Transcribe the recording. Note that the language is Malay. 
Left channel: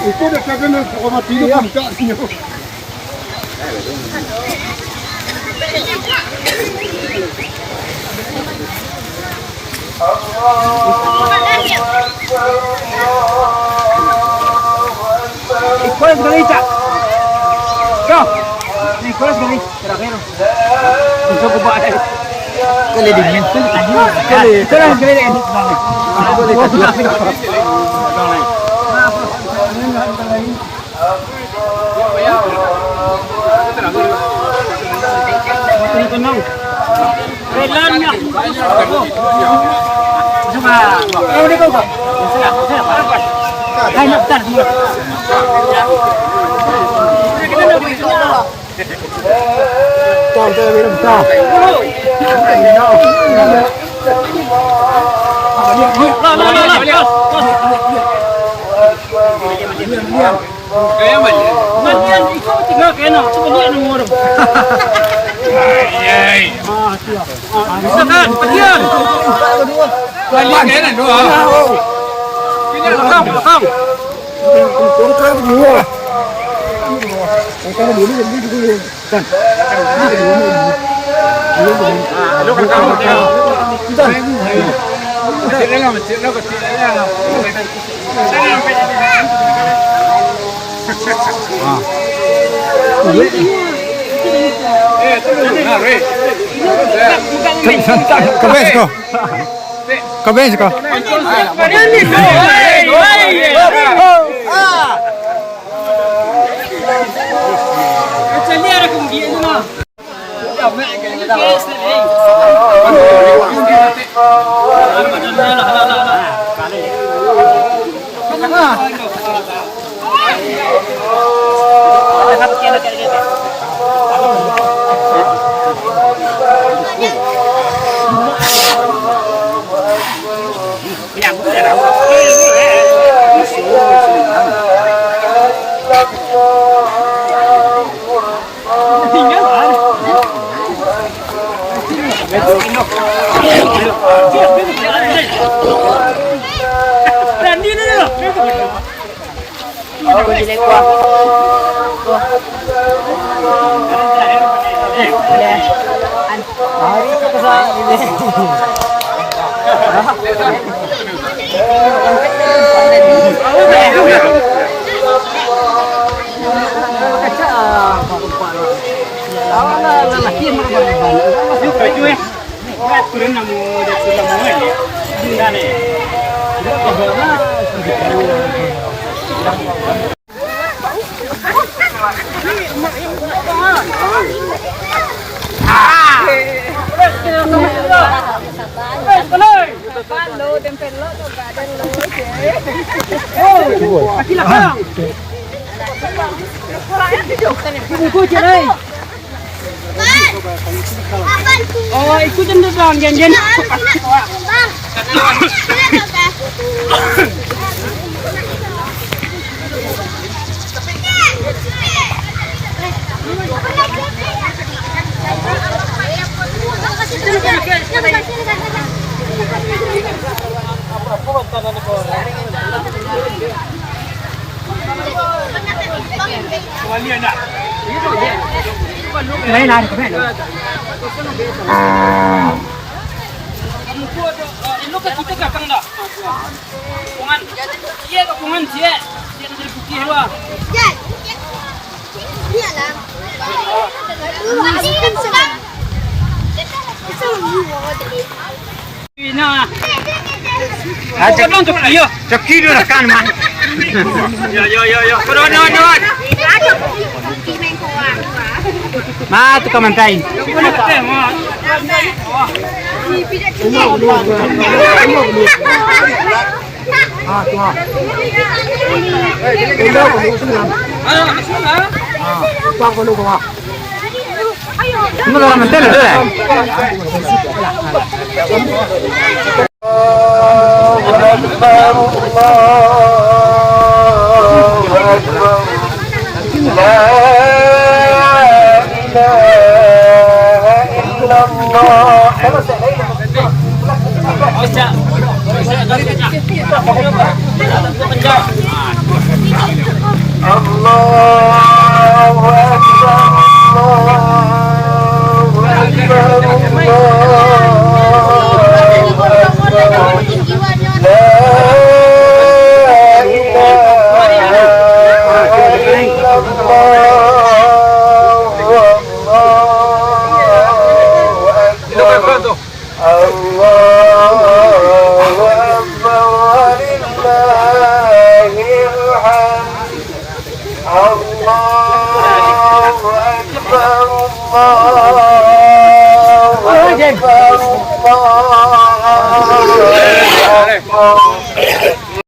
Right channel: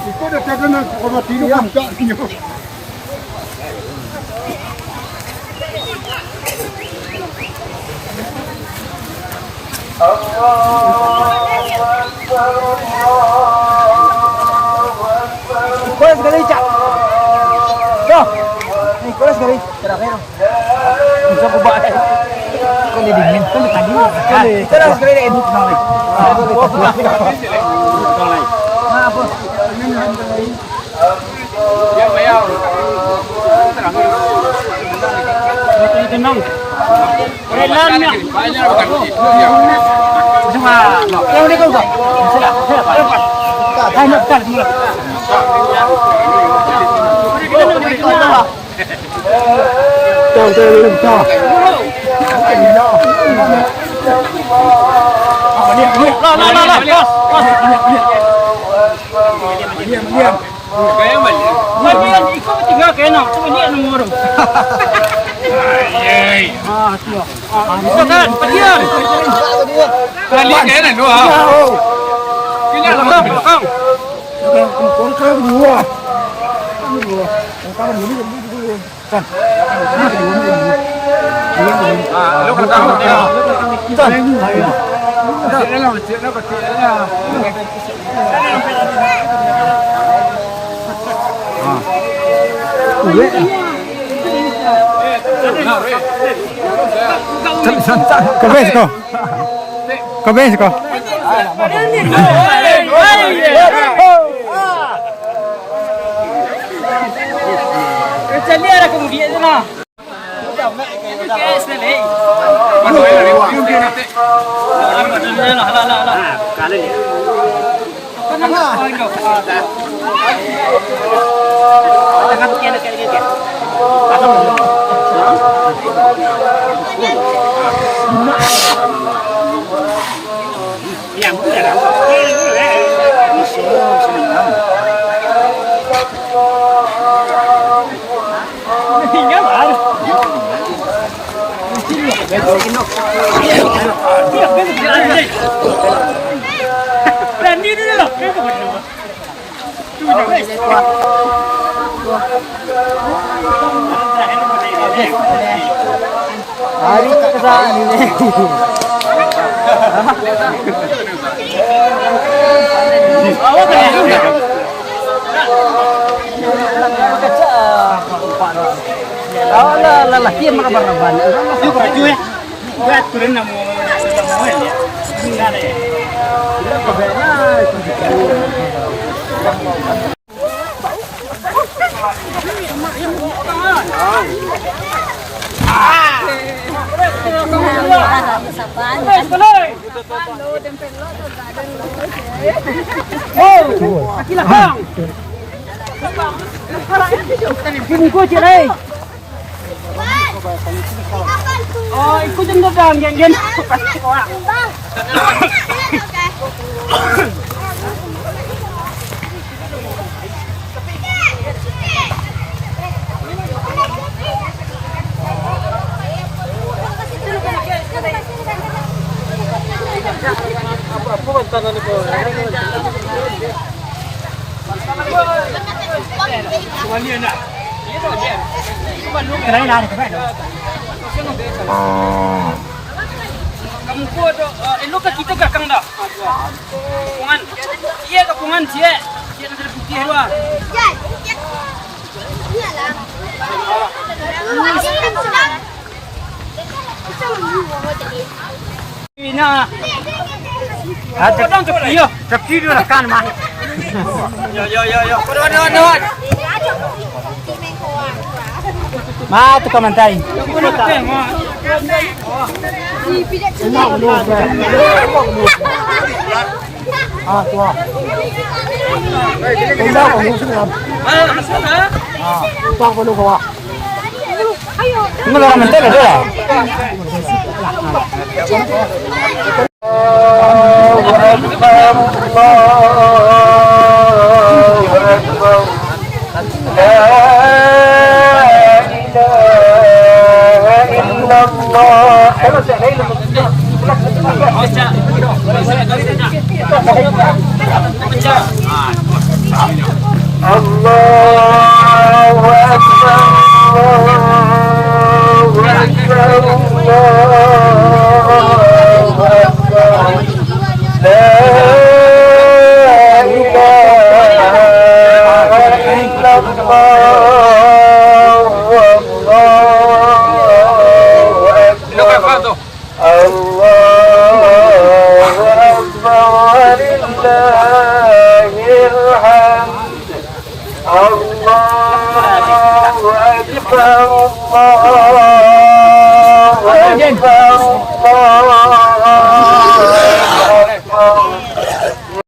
Ito na kaya na kumatido kung saan nyo. Nicolas Gavicha. Go. Nicolas Gavicha. Terakhir. Bisa buka deh. Kali dingin pun tadi. Kali. Terus kali edit banget. Ah. Ya, bayar. Tenang. Relannya. Cuma. Yang ini kau tak? Saya. Hai nak kan dia. Tuh minum teh. Apa dia? Lah. Diam. Kayak mana? Kalian ikut tinggal kena, cuma dia nomor. Ayy. Siap. Bisa kan? Pergian. Kalian kena dua. Kena belakang. Orang kan dua. Orang dulu jadi gitu kan. Ini kedua. Lu pertama tengok. Kau bes kau. Chaliera kung dia na. Lelaki yang makan barban. Yuk baju ya. Buat turun nama dia sudah mau ya. Enggak ya. Oh, ikut dulu bang, jangan. Kamu kuat tu, elok kita kakang dah. Kapungan, iya kapungan cie. Dia ada putih luar. Ini aja untuk iyo. Ceki dulu kan man. Yo. No. Ma tu kamantai.